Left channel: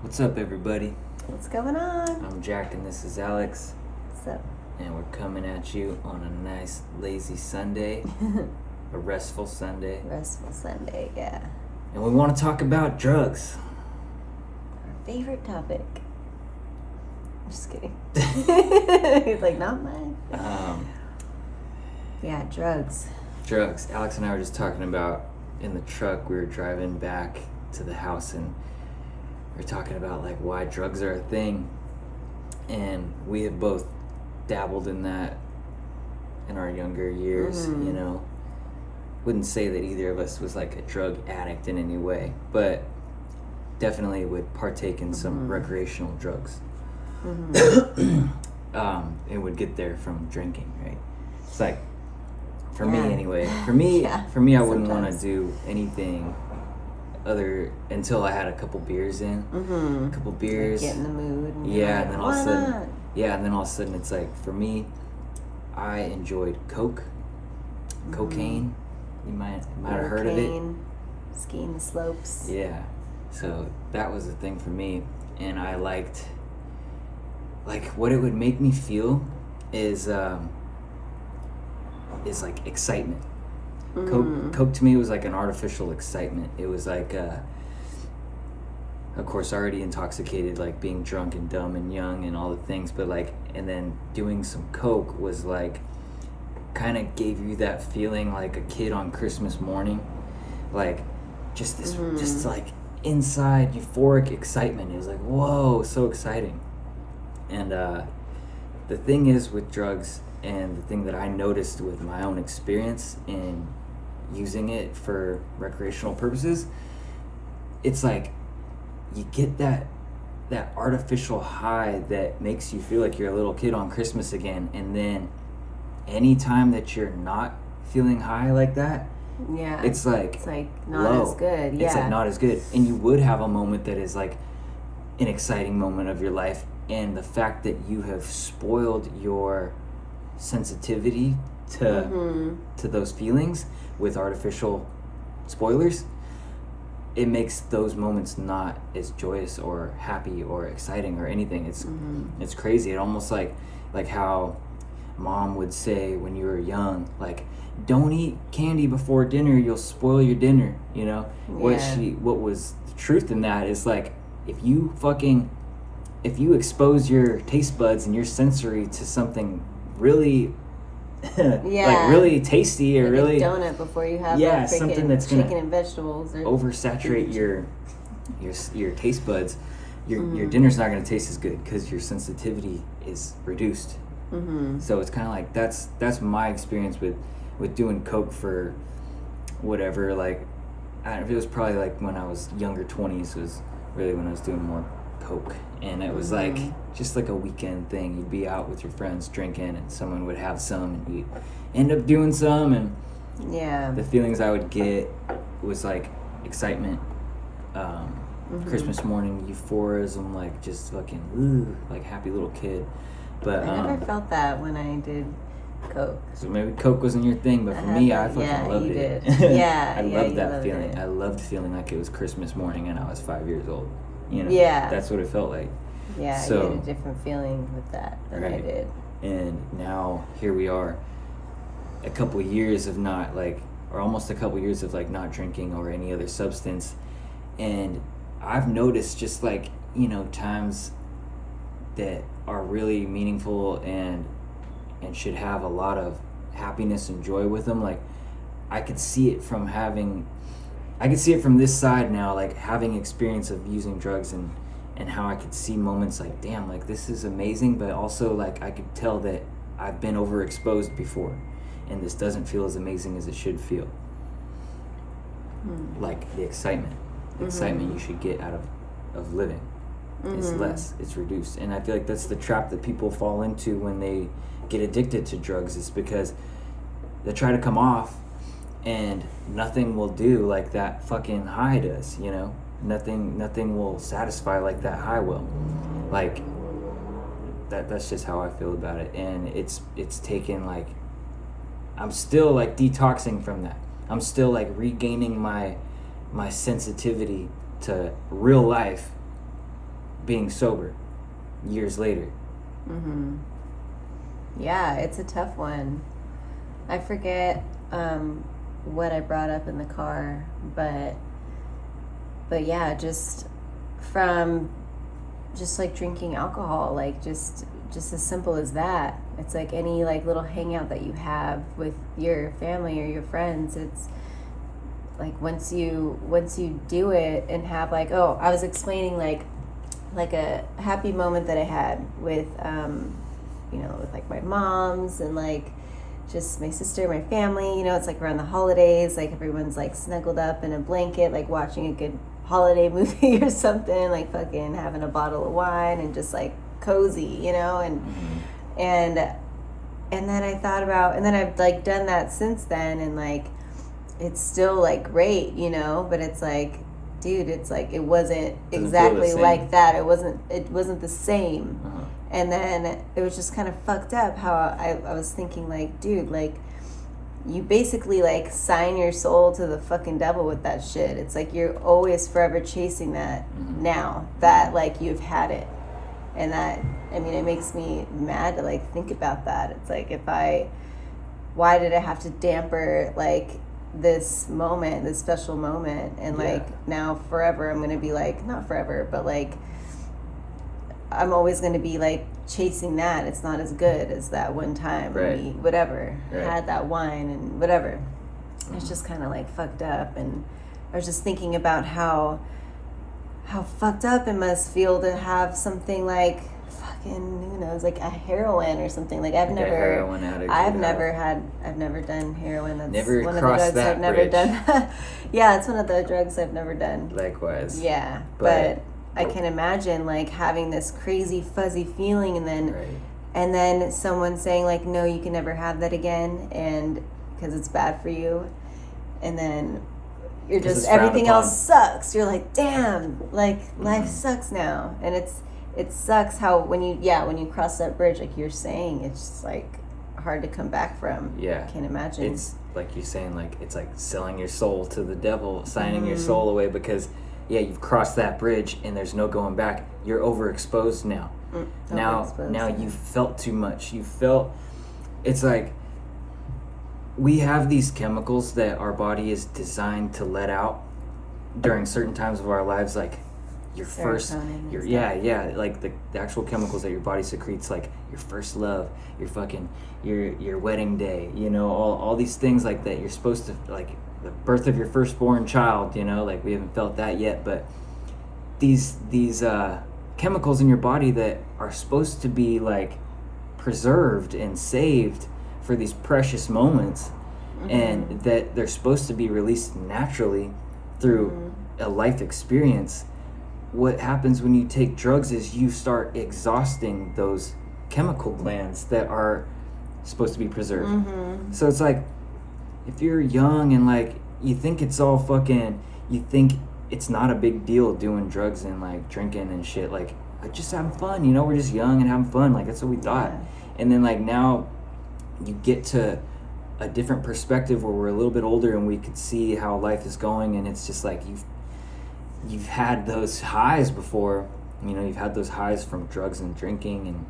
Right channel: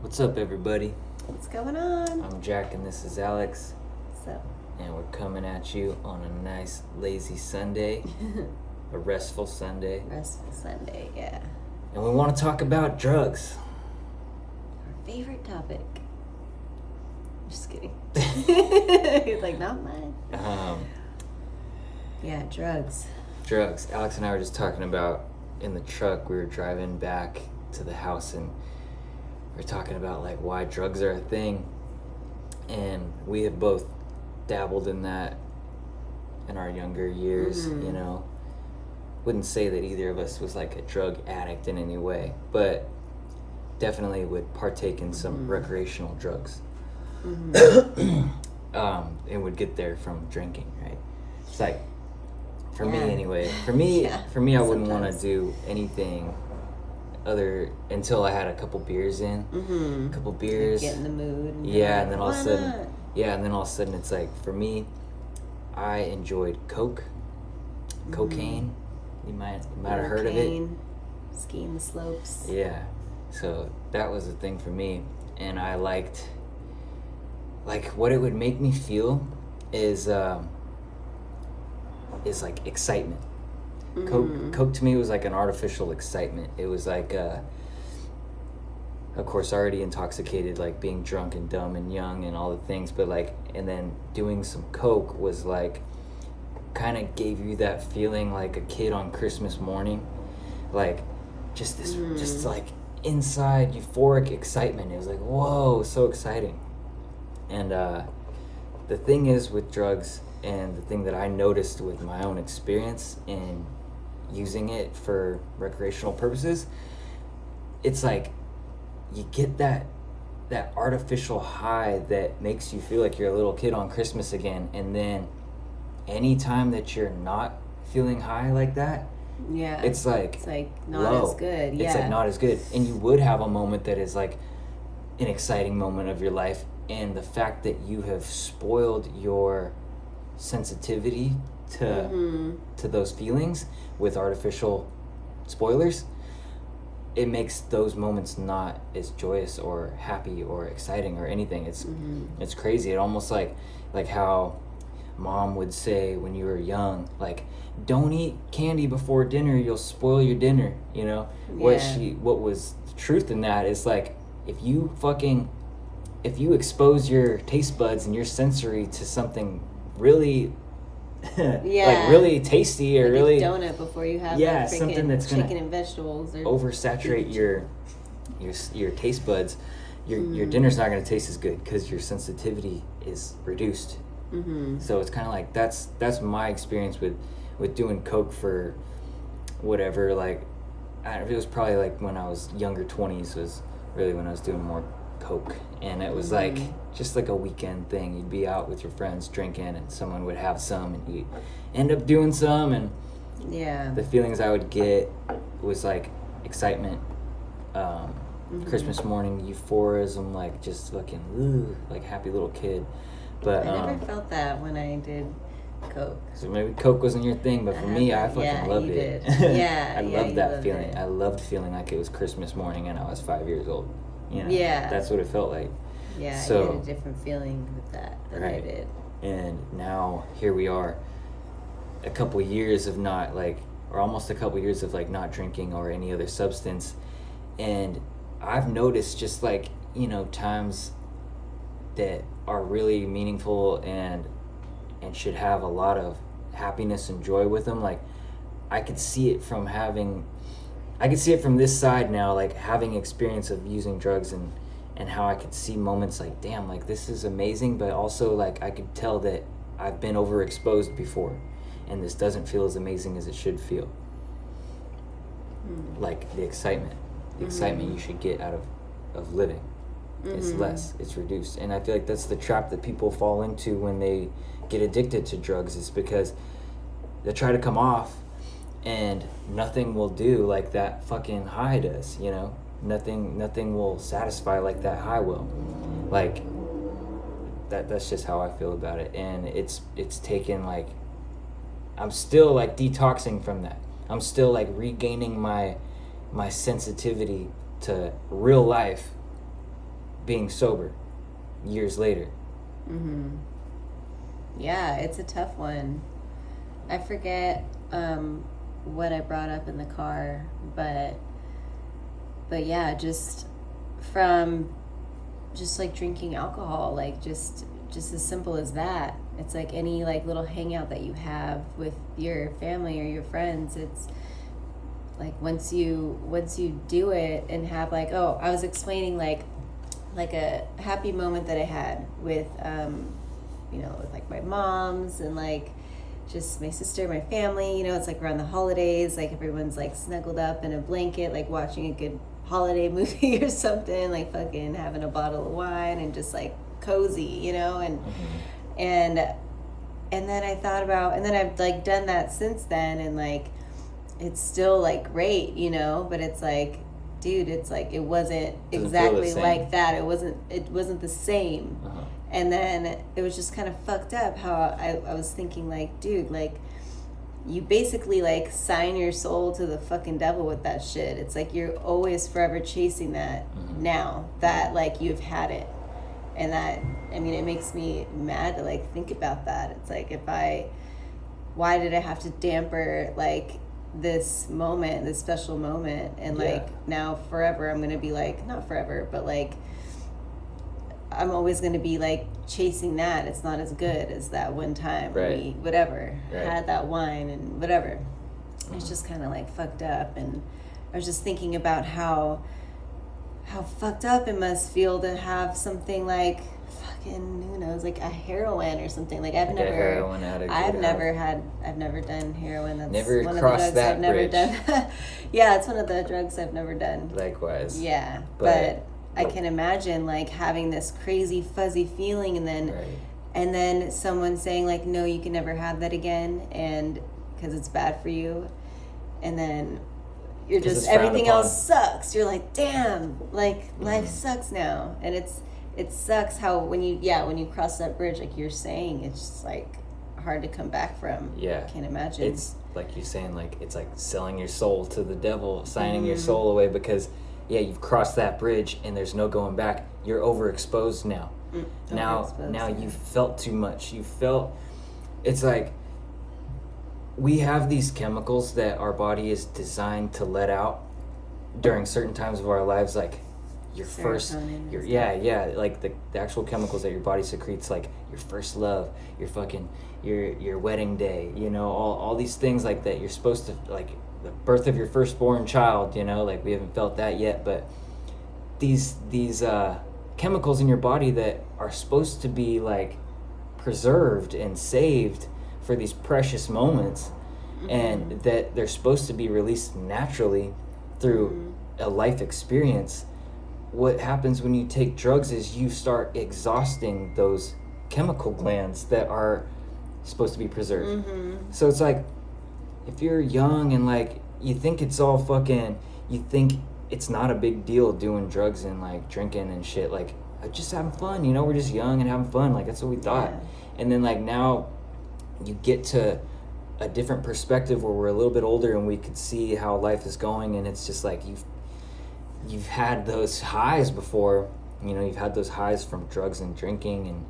What's up, everybody? What's going on? I'm Jack and this is Alex. What's up? And we're coming at you on a nice, lazy Sunday. A restful Sunday. Restful Sunday, yeah. And we want to talk about drugs. Our favorite topic. Just kidding. He's like, not mine. Yeah, drugs. Drugs. Alex and I were just talking about in the truck. We were driving back to the house and we were talking about like why drugs are a thing. And we have both dabbled in that in our younger years, you know. Wouldn't say that either of us was like a drug addict in any way, but definitely would partake in some recreational drugs. And would get there from drinking, right? It's like, for me anyway, for me I wouldn't want to do anything other until I had a couple beers in, a couple beers, Like get in the mood. And and then all of a sudden, and then all of a sudden it's like, for me, I enjoyed cocaine. You might have heard of it. Skiing the slopes. Yeah, so that was a thing for me, and I liked, like, what it would make me feel is like excitement. Coke to me was like an artificial excitement. It was like, of course, already intoxicated, like being drunk and dumb and young and all the things, but like, and then doing some Coke was like, kind of gave you that feeling like a kid on Christmas morning, like just this, just like inside euphoric excitement. It was like, whoa, so exciting. And the thing is with drugs, and the thing that I noticed with my own experience in using it for recreational purposes, it's like you get that artificial high that makes you feel like you're a little kid on Christmas again, and then anytime that you're not feeling high like that, it's like not low. as good. Yeah, it's like not as good. And you would have a moment that is like an exciting moment of your life, and the fact that you have spoiled your sensitivity to those feelings with artificial spoilers, it makes those moments not as joyous or happy or exciting or anything. It's crazy. It almost like how Mom would say when you were young, like, don't eat candy before dinner, you'll spoil your dinner, you know? What was the truth in that is like, if you expose your taste buds and your sensory to something really like really tasty or like really a donut before you have something that's gonna chicken and vegetables or oversaturate your taste buds, your dinner's not going to taste as good because your sensitivity is reduced. So it's kind of like that's my experience with doing Coke for whatever, like it was probably like when I was younger 20s was really when I was doing more Coke, and it was like just like a weekend thing. You'd be out with your friends drinking and someone would have some and you'd end up doing some, and the feelings I would get was like excitement, Christmas morning euphorism, like just fucking like happy little kid. But I never felt that when I did Coke. So maybe Coke wasn't your thing, but for me, I fucking loved it. I loved that feeling. I loved feeling like it was Christmas morning and I was 5 years old. You know, that's what it felt like. Yeah, so, I had a different feeling with that than I did. And now here we are, a couple years of not like, or almost a couple years of like not drinking or any other substance, and I've noticed just like, you know, times that are really meaningful and should have a lot of happiness and joy with them. Like I could see it from this side now, like having experience of using drugs and how I could see moments like, damn, like this is amazing, but also like I could tell that I've been overexposed before and this doesn't feel as amazing as it should feel. Like the excitement you should get out of living. It's less, it's reduced. And I feel like that's the trap that people fall into when they get addicted to drugs, is because they try to come off and nothing will do like that fucking high does, you know? Nothing will satisfy like that high will. Like that's just how I feel about it. And it's taken like, I'm still like detoxing from that. I'm still like regaining my sensitivity to real life being sober years later? Yeah, it's a tough one. I forget what I brought up in the car, but yeah, just from just like drinking alcohol, like just as simple as that. It's like any like little hangout that you have with your family or your friends. It's like once you do it and have like, oh, I was explaining like a happy moment that I had with with like my mom's and like just my sister, my family. It's like around the holidays, like everyone's like snuggled up in a blanket, like watching a good holiday movie or something, like fucking having a bottle of wine and just like cozy, and then I thought about, and then I've like done that since then, and like it's still like great, but it's like, dude, it's like it wasn't exactly like that. It wasn't the same. And then it was just kind of fucked up how I was thinking like, dude, like you basically like sign your soul to the fucking devil with that shit. It's like you're always forever chasing that now that like you've had it. And that, I mean, it makes me mad to like think about that. It's like why did I have to damper like this moment, this special moment, and like now forever I'm gonna be like, not forever, but like I'm always gonna be like chasing that. It's not as good as that one time when we had that wine and whatever. It's just kind of like fucked up. And I was just thinking about how fucked up it must feel to have something like fucking, who knows, like a heroin or something. Like I've never done heroin. That's never one of the drugs that I've never bridge. Done. Yeah, it's one of the drugs I've never done. Likewise. Yeah, but I can imagine like having this crazy fuzzy feeling, and then someone saying like, no, you can never have that again, and because it's bad for you, and then you're just, everything else sucks. You're like, damn, like life sucks now. And it sucks how when you cross that bridge, like you're saying, it's just like hard to come back from. Yeah. Can't imagine. It's like you're saying, like it's like selling your soul to the devil, signing your soul away, because you've crossed that bridge and there's no going back. You're overexposed now. Now you've felt too much. It's like we have these chemicals that our body is designed to let out during certain times of our lives, like your first, like the actual chemicals that your body secretes, like your first love, your wedding day, all these things like that. You're supposed to, like the birth of your firstborn child, like we haven't felt that yet, but these chemicals in your body that are supposed to be like preserved and saved for these precious moments, and that they're supposed to be released naturally through a life experience. What happens when you take drugs is you start exhausting those chemical glands that are supposed to be preserved. So it's like, if you're young and like you think it's all you think it's not a big deal doing drugs and like drinking and shit, like just having fun, we're just young and having fun, like that's what we thought. And then like now you get to a different perspective where we're a little bit older and we could see how life is going, and it's just like you've had those highs before, you've had those highs from drugs and drinking,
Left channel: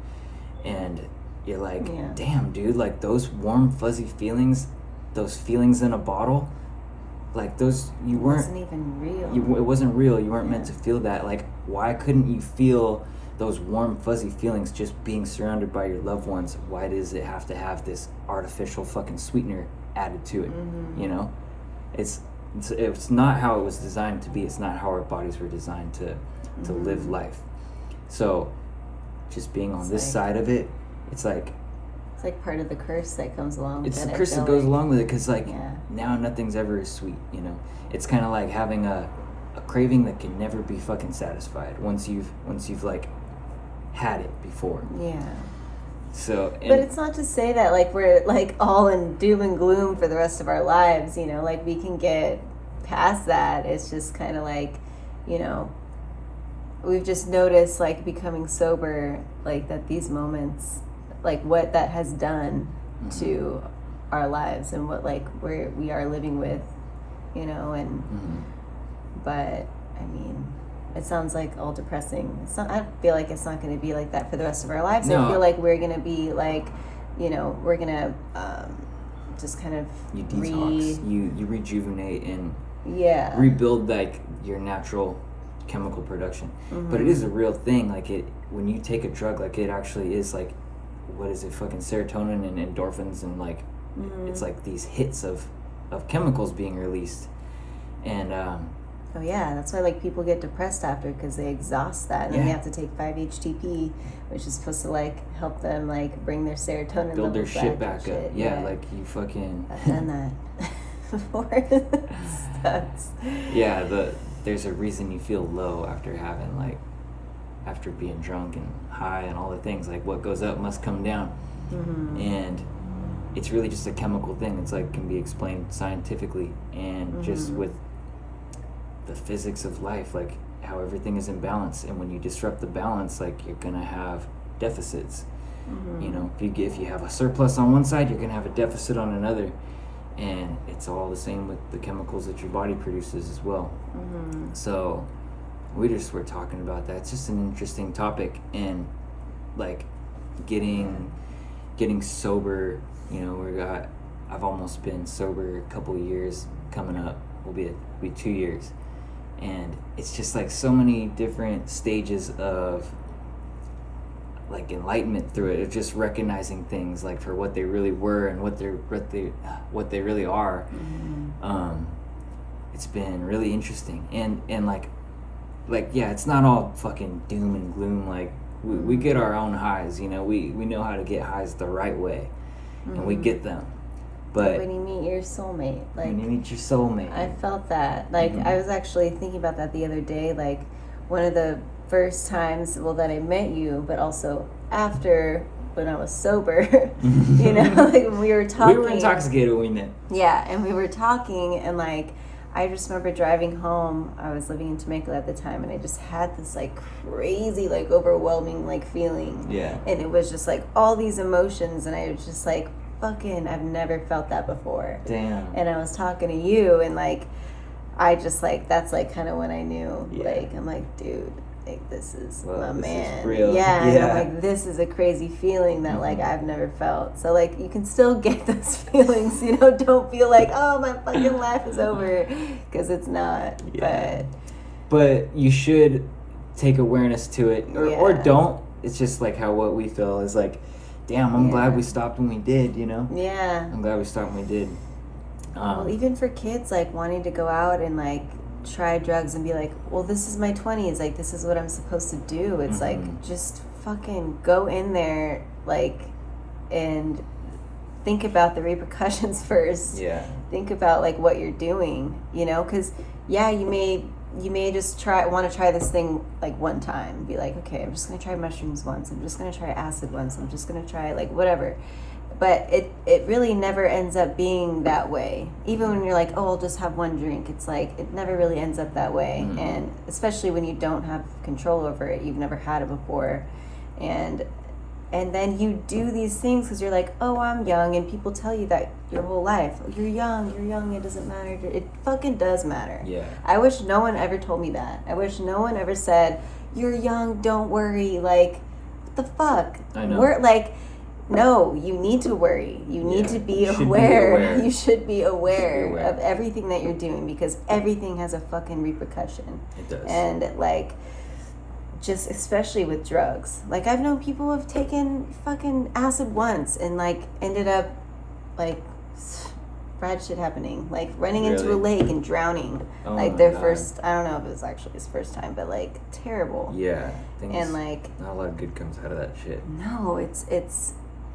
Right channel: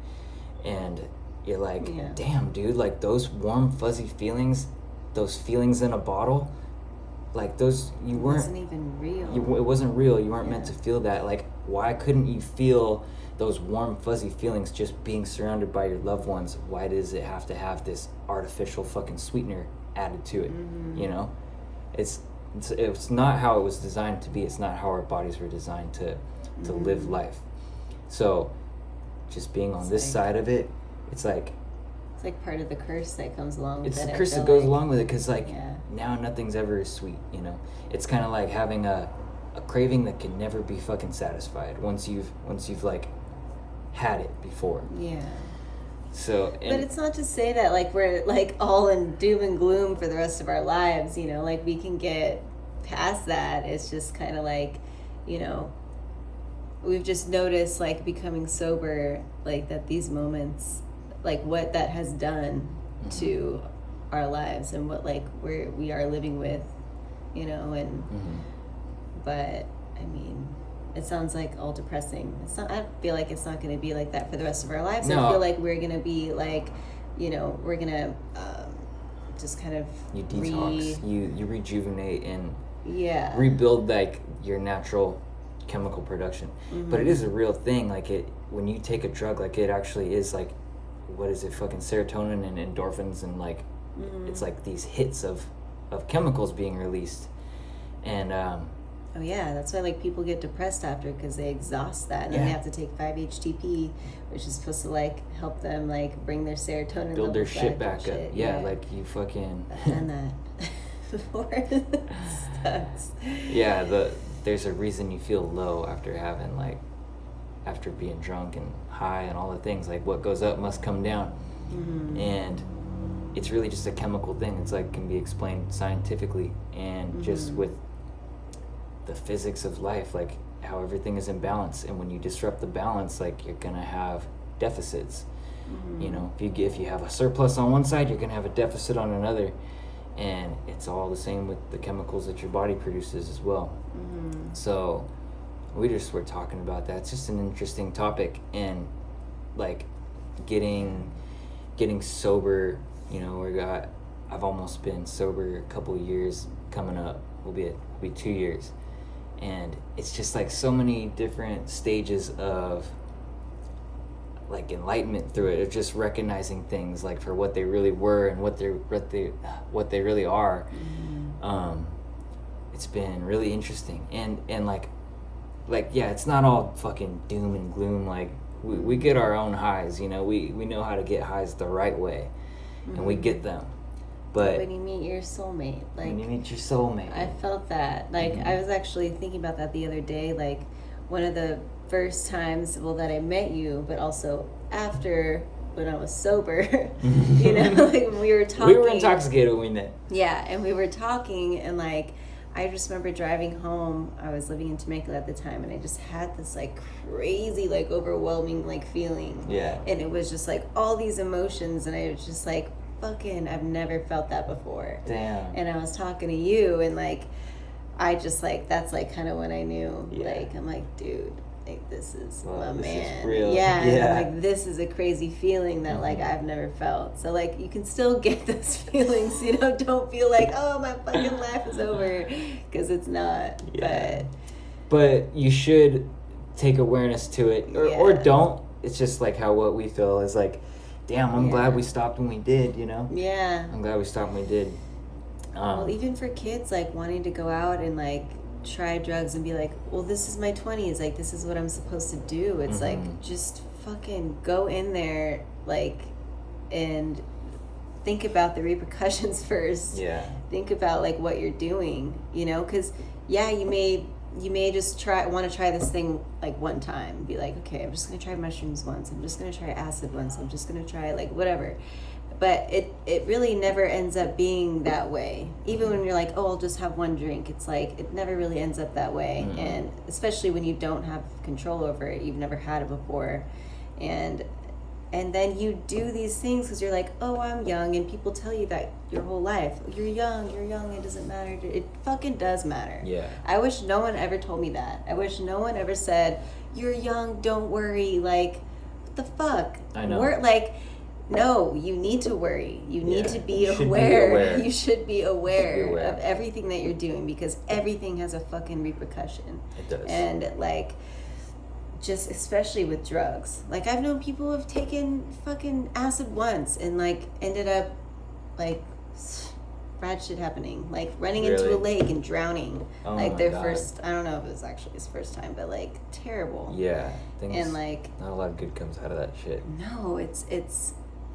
and you're like, damn dude, like those warm fuzzy feelings, those feelings in a bottle, like those, it wasn't even real. It wasn't real. You weren't meant to feel that. Like, why couldn't you feel those warm fuzzy feelings just being surrounded by your loved ones? Why does it have to have this artificial fucking sweetener added to it? It's not how it was designed to be. It's not how our bodies were designed to live life. So just being on this side of it, it's like part of the curse that comes along with it. It's the curse that goes along with it, because now nothing's ever as sweet, It's kind of like having a craving that can never be fucking satisfied once you've like had it before. Yeah. So, but it's not to say that like we're like all in doom and gloom for the rest of our lives, like we can get past that. It's just kind of like, we've just noticed like becoming sober, like that these moments, like what that has done to our lives and what like we are living with, and but I mean, it sounds like all depressing. It's not. I feel like it's not going to be like that for the rest of our lives. No. I feel like we're going to be like, we're going to just kind of you detox, you rejuvenate and yeah, rebuild like your natural chemical production. But it is a real thing. Like when you take a drug, like it actually is like, what is it, fucking serotonin and endorphins, and like it's like these hits of chemicals being released. And oh yeah, that's why like people get depressed after, because they exhaust that, and then they have to take 5-HTP, which is supposed to like help them like bring their serotonin, build their shit back up. Shit. Yeah, like you fucking I've done that before. Yeah, there's a reason you feel low after being drunk and high and all the things. Like what goes up must come down. And it's really just a chemical thing. It's like can be explained scientifically and just with the physics of life, like how everything is in balance. And when you disrupt the balance, like you're gonna have deficits. You know, if you have a surplus on one side, you're gonna have a deficit on another. And it's all the same with the chemicals that your body produces as well. So we just were talking about that. It's just an interesting topic. And like getting sober, you know, I've almost been sober a couple years. Coming up will be 2 years. And it's just like so many different stages of like enlightenment through it, of just recognizing things like for what they really were and what they really are. It's been really interesting, and like yeah, it's not all fucking doom and gloom. Like we get our own highs, you know. We know how to get highs the right way, and we get them. But when you meet your soulmate, like when you meet your soulmate, I felt that. Like I was actually thinking about that the other day. Like one of the first times, that I met you, but also after when I was sober, you know, like when we were talking. We were intoxicated when we met. Yeah, and we were talking, and like I just remember driving home. I was living in Temecula at the time, and I just had this like crazy, like overwhelming like feeling. Yeah. And it was just like all these emotions, and I was just like, fucking, I've never felt that before. Damn. And I was talking to you, and like I just like, that's like kind of when I knew. Like I'm like, dude, like this is my man. Is real. Yeah. And I'm like, this is a crazy feeling that like I've never felt. So like you can still get those feelings, you know. Don't feel like, oh, my fucking life is over, because it's not. But you should take awareness to it, or don't. It's just like what we feel is like, damn, I'm glad we stopped when we did, you know. I'm glad we stopped when we did. Well, even for kids like wanting to go out and like try drugs and be like, well, this is my 20s, like this is what I'm supposed to do. It's like, just fucking go in there, like, and think about the repercussions first. Think about like what you're doing, you know, because you may just want to try this thing like one time, be like, okay, I'm just gonna try mushrooms once, I'm just gonna try acid once, I'm just gonna try like whatever. But it really never ends up being that way. Even when you're like, oh, I'll just have one drink, it's like it never really ends up that way. And especially when you don't have control over it, you've never had it before, and then you do these things because you're like, oh, I'm young, and people tell you that your whole life, you're young, it doesn't matter. It fucking does matter. I wish no one ever told me that. I wish no one ever said, you're young, don't worry. Like, what the fuck? I know. We're like, no, you need to worry. You need to be aware. You should be aware of everything that you're doing, because everything has a fucking repercussion. It does. And like, just especially with drugs. Like I've known people who have taken fucking acid once and like ended up like bad shit happening, like running into a lake and drowning. Like their first, I don't know if it was actually his first time, but like terrible. And like not a lot of good comes out of that shit. No, it's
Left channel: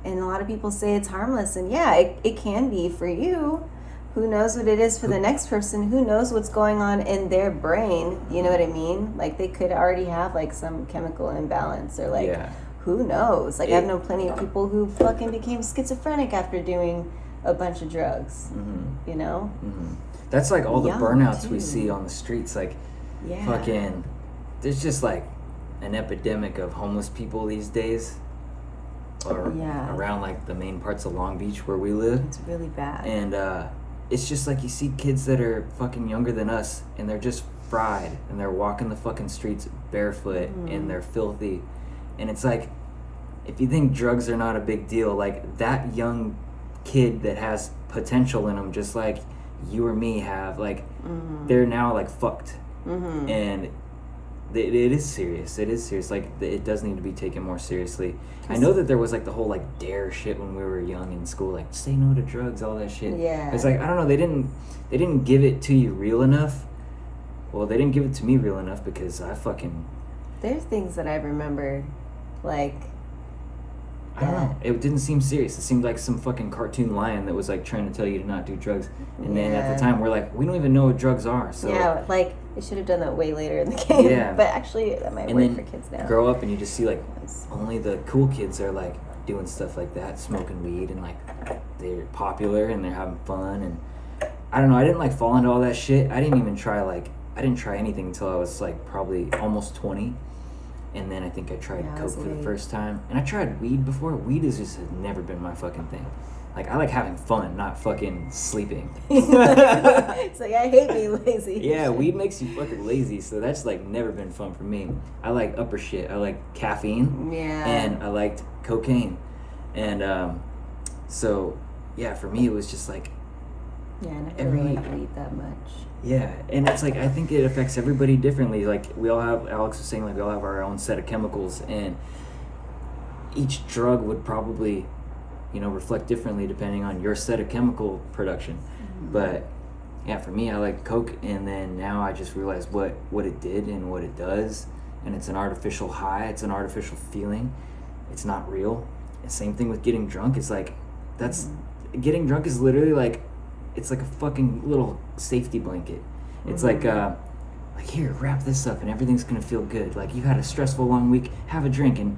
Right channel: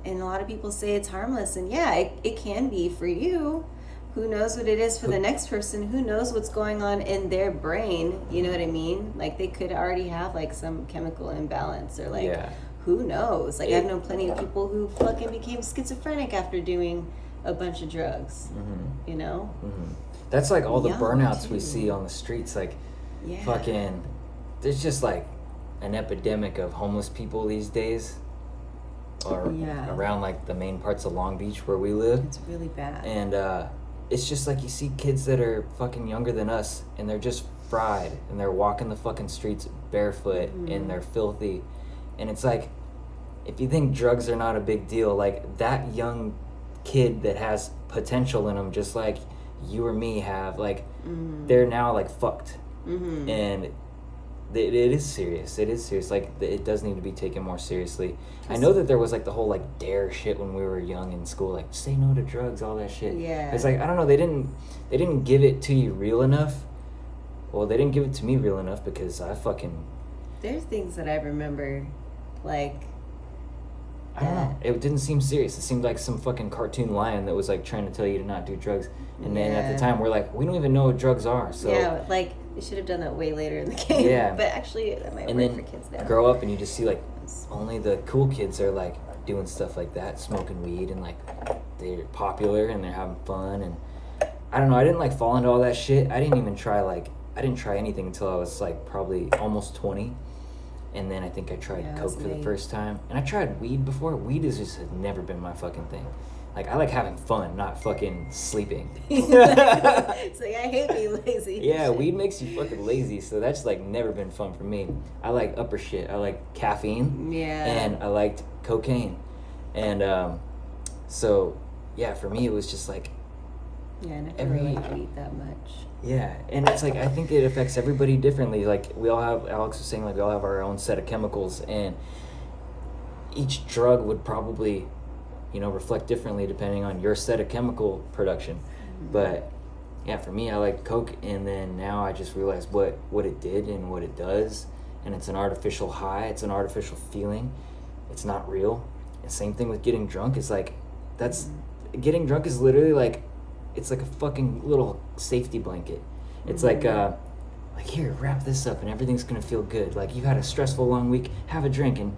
and a lot of people say it's harmless, and it can be for you. Who knows what it is for the next person? Who knows what's going on in their brain? You know what I mean? Like they could already have like some chemical imbalance, or like who knows? Like I've known plenty of people who fucking became schizophrenic after doing a bunch of drugs. You know? That's like all the burnouts we see on the streets. Like fucking, there's just like an epidemic of homeless people these days. Or around like the main parts of Long Beach where we live. It's really bad. And it's just like you see kids that are fucking younger than us, and they're just fried, and they're walking the fucking streets barefoot, and they're filthy. And it's like, if you think drugs are not a big deal, like that young kid that has potential in them, just like you or me have, like they're now like fucked. And it is serious. It is serious. Like it does need to be taken more seriously. I know that there was like the whole like dare shit when we were young in school, like say no to drugs, all that shit. Yeah. It's like, I don't know, they didn't give it to you real enough. Well, they didn't give it to me real enough because I fucking... There's things that I remember, like... I don't know. It didn't seem serious. It seemed like some fucking cartoon lion that was like trying to tell you to not do drugs. And then at the time, we're like, we don't even know what drugs are. So yeah, like they should have done that way later in the game. Yeah. But actually, that might work for kids now. Grow up and you just see like only the cool kids are like doing stuff like that, smoking weed, and like they're popular and they're having fun. And I don't know. I didn't like fall into all that shit. I didn't try anything until I was like probably almost 20. And then I think I tried coke for the first time. And I tried weed before. Weed has never been my fucking thing. Like, I like having fun, not fucking sleeping. It's like, I hate being lazy. Yeah, weed makes you fucking lazy, so that's like never been fun for me. I like upper shit. I like caffeine. Yeah. And I liked cocaine. And so, yeah, for me it was just like... Yeah, I never really liked weed that much. Yeah, and it's like, I think it affects everybody differently. Like, we all have, Alex was saying, like, we all have our own set of chemicals, and each drug would probably, reflect differently depending on your set of chemical production. But, yeah, for me, I like coke, and then now I just realized what it did and what it does, and it's an artificial high, it's an artificial feeling, it's not real. And same thing with getting drunk. It's like, getting drunk is literally like, it's like a fucking little safety blanket. It's like here, wrap this up and everything's gonna feel good. Like, you had a stressful long week, have a drink and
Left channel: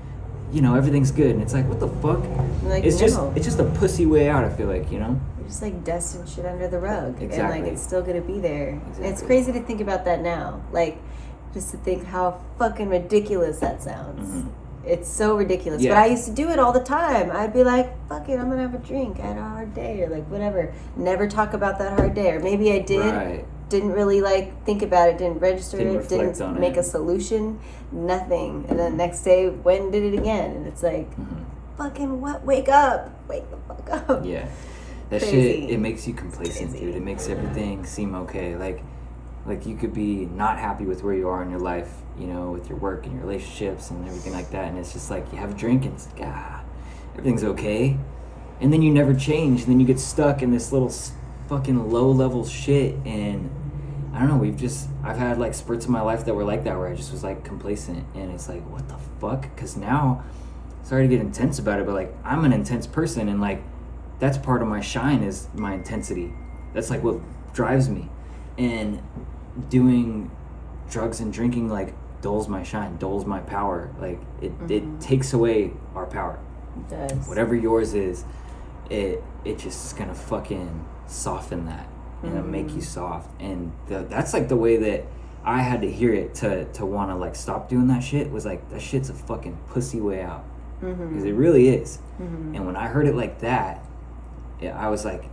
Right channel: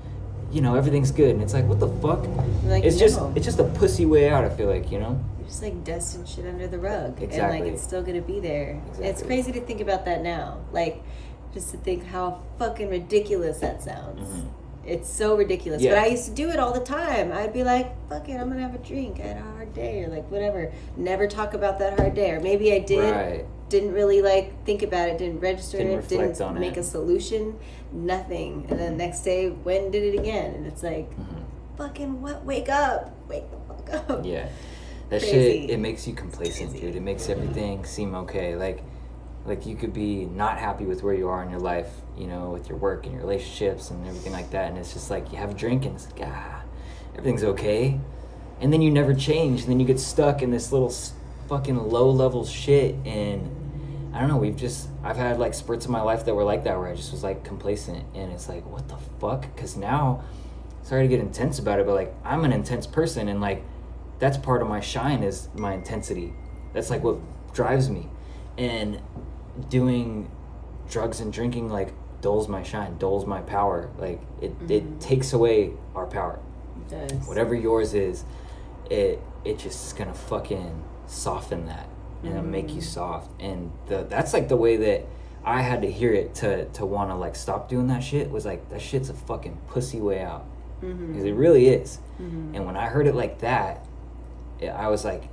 everything's good. And it's like, what the fuck? Like, it's just a pussy way out, I feel like, You're just like dusting shit under the rug. Exactly. And like, it's still gonna be there. Exactly. And it's crazy to think about that now. Like, just to think how fucking ridiculous that sounds. It's so ridiculous. Yeah. But I used to do it all the time. I'd be like, fuck it, I'm going to have a drink. I had a hard day or like whatever. Never talk about that hard day. Or maybe I did. Right. Didn't really like think about it. Didn't register it. Didn't make a solution. Nothing. And then the next day, went and did it again. And it's like, fucking what? Wake up. Wake the fuck up. Yeah. That shit, it makes you complacent, dude. It makes everything seem okay. Like you could be not happy with where you are in your life, with your work and your relationships and everything like that. And it's just like, you have a drink and it's like, everything's okay. And then you never change. And then you get stuck in this little fucking low-level shit. And I don't know, I've had like spurts in my life that were like that, where I just was like complacent. And it's like, what the fuck? Because now, sorry to get intense about it, but like, I'm an intense person. And like, that's part of my shine, is my intensity. That's like what drives me. And doing drugs and drinking like dulls my shine, dulls my power. Like it takes away our power. It does. Whatever yours is, it just is gonna fucking soften that and make you soft. And that's like the way that I had to hear it to want to like stop doing that shit, was like, that shit's a fucking pussy way out. Because it really is. And when I heard it like that, I was like,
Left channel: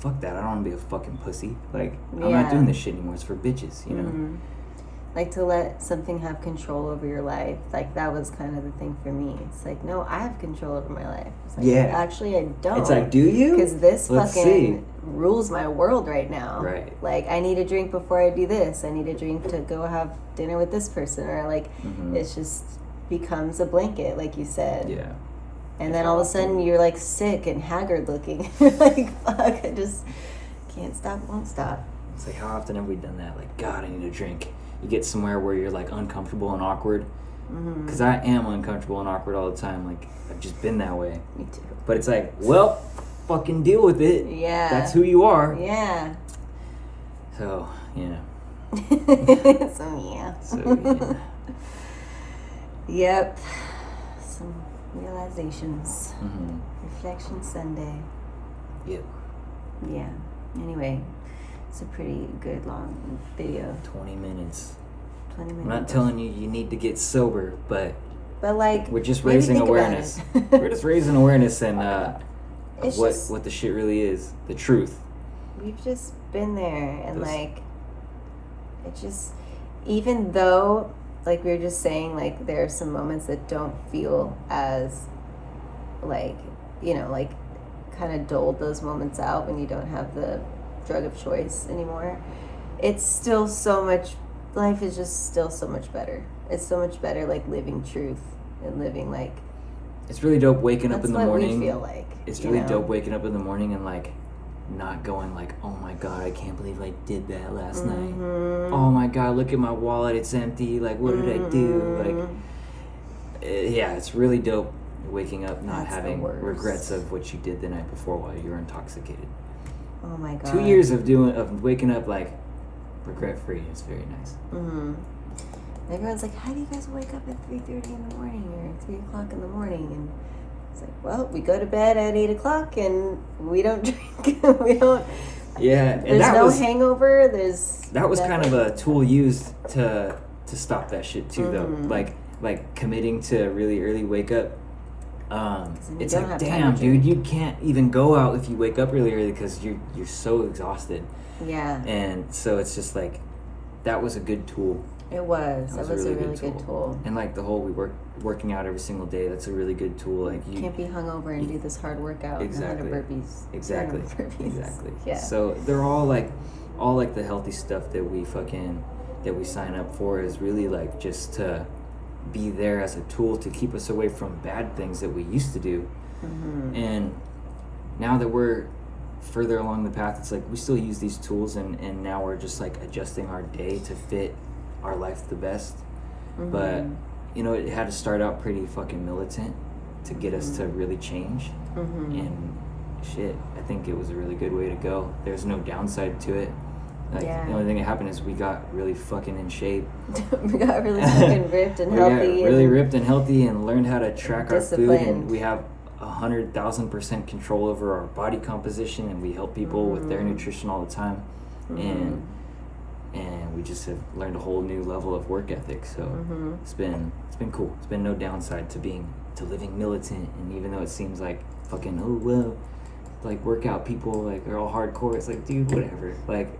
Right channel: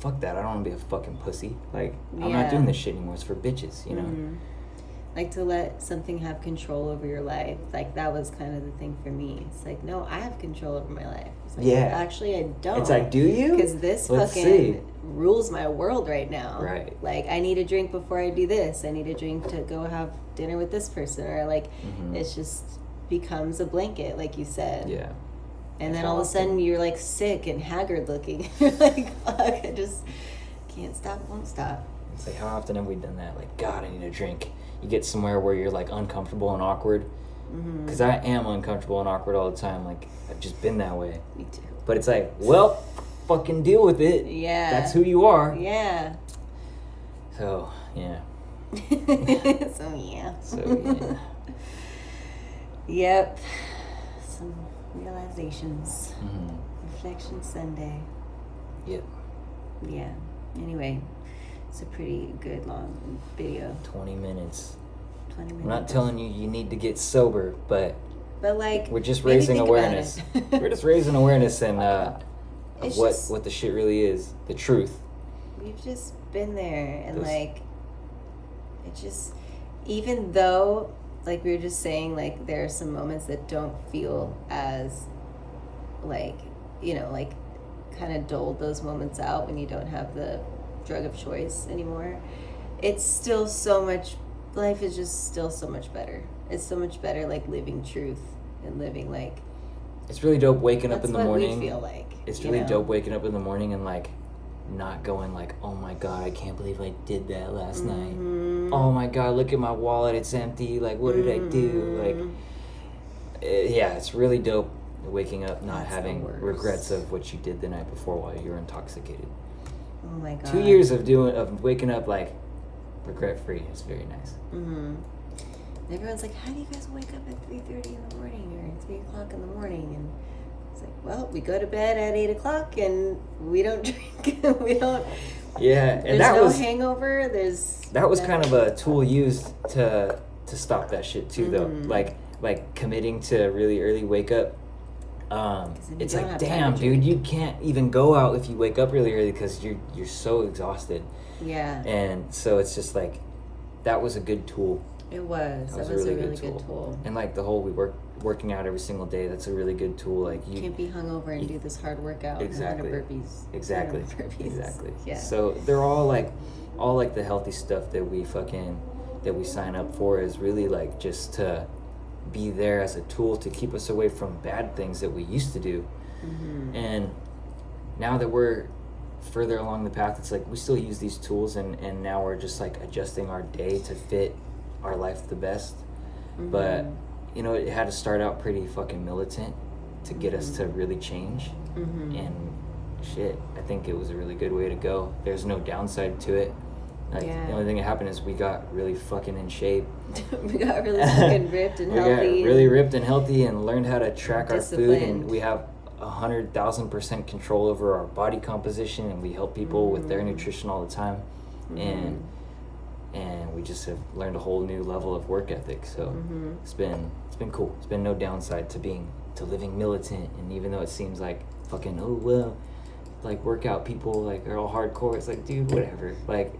fuck that, I don't want to be a fucking pussy. Like, I'm not doing this shit anymore. It's for bitches, Like, to let something have control over your life. Like, that was kind of the thing for me. It's like, no, I have control over my life. It's like, actually, I don't. It's like, do you? Because this rules my world right now. Right. Like, I need a drink before I do this. I need a drink to go have dinner with this person. Or, like, it's just becomes a blanket, like you said. Yeah. And then all of a sudden you're like sick and haggard looking. You're like, fuck, I just can't stop, won't stop. It's like, how often have we done that? Like, God, I need a drink. You get somewhere where you're like uncomfortable and awkward. Because I am uncomfortable and awkward all the time. Like, I've just been that way. Me too. But it's like, well, fucking deal with it. Yeah. That's who you are. Yeah. So, yeah. So, yeah. Yep. Some realizations. Reflection Sunday. Yep. Yeah. Anyway, it's a pretty good long video. 20 minutes. 20 minutes. I'm not telling you need to get sober, but like, we're just raising awareness. We're just raising awareness and what the shit really is, the truth. We've just been there, and like, even though, like we were just saying, like there are some moments that don't feel as, like, you know, like kind of dulled those moments out when you don't have the drug of choice anymore. It's still so much, life is just still so much better. It's so much better, like living truth and living like. It's really dope waking up in the morning. That's what we feel like. It's really dope waking up in the morning and like not going like, oh my God, I can't believe I did that last night. Oh my God, look at my wallet, it's empty. Like, what did I do? Like, yeah, it's really dope waking up not having regrets of what you did the night before while you were intoxicated. Oh my God. 2 years of waking up like regret free is very nice. Everyone's like, how do you guys wake up at 3:30 in the morning or 3 o'clock in the morning? And it's like, well, we go to bed at 8 o'clock and we don't drink. We don't. Yeah, and there's that no was hangover. That was kind of a tool used to stop that shit too, though. Like committing to really early wake up. It's like, damn, dude, you can't even go out if you wake up really early because you're so exhausted. Yeah. And so it's just like, that was a good tool. It was. That was a really good tool. And like the whole working out every single day, that's a really good tool. Like you can't be hungover and do this hard workout. Exactly. 100 burpees. Exactly. 100 burpees. Exactly. Yeah. So they're all like the healthy stuff that we sign up for is really like just to be there as a tool to keep us away from bad things that we used to do. And now that we're further along the path, it's like we still use these tools and now we're just like adjusting our day to fit our life the best. But you know, it had to start out pretty fucking militant to get us to really change. And shit, I think it was a really good way to go. There's no downside to it. Like, the only thing that happened is we got really fucking in shape. We got really fucking ripped and healthy. We got really ripped and healthy and learned how to track our food, and we have 100,000% control over our body composition, and we help people with their nutrition all the time. And we just have learned a whole new level of work ethic. So it's been cool. It's been no downside to living militant. And even though it seems like fucking, oh well, like workout people like they're all hardcore, it's like, dude, whatever. Like,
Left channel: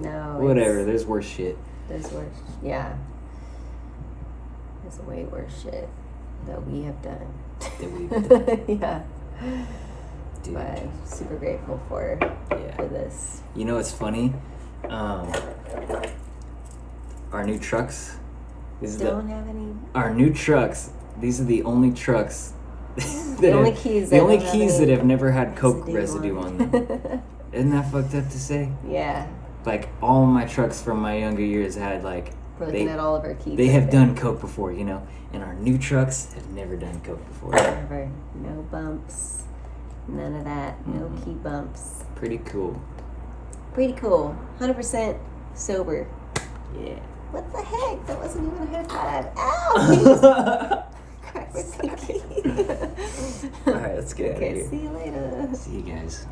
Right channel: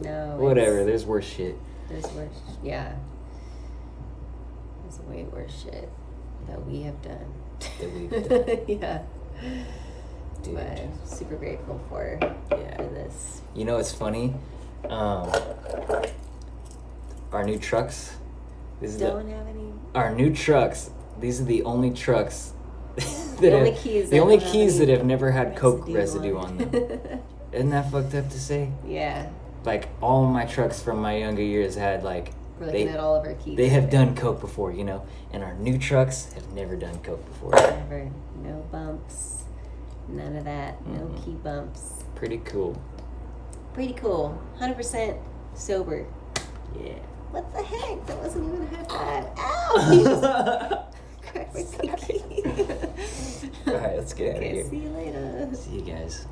no, whatever. There's worse shit. There's worse. Yeah. There's way worse shit that we have done. Yeah. Dude. But I'm super grateful for this. You know, it's funny. Our new trucks. Don't have any. Our new trucks. These are the only trucks. The only keys that have never had Coke residue on them. Isn't that fucked up to say? Yeah. Like all my trucks from my younger years had like. We're looking at all of our keys. They have done Coke before, you know, and our new trucks have never done Coke before. Never. No bumps. None of that. No key bumps. Pretty cool. Pretty cool. 100% sober. Yeah. What the heck? That wasn't even a high five. Ow! Crack my pinky. Alright, let's get out of here. See you later. See you guys.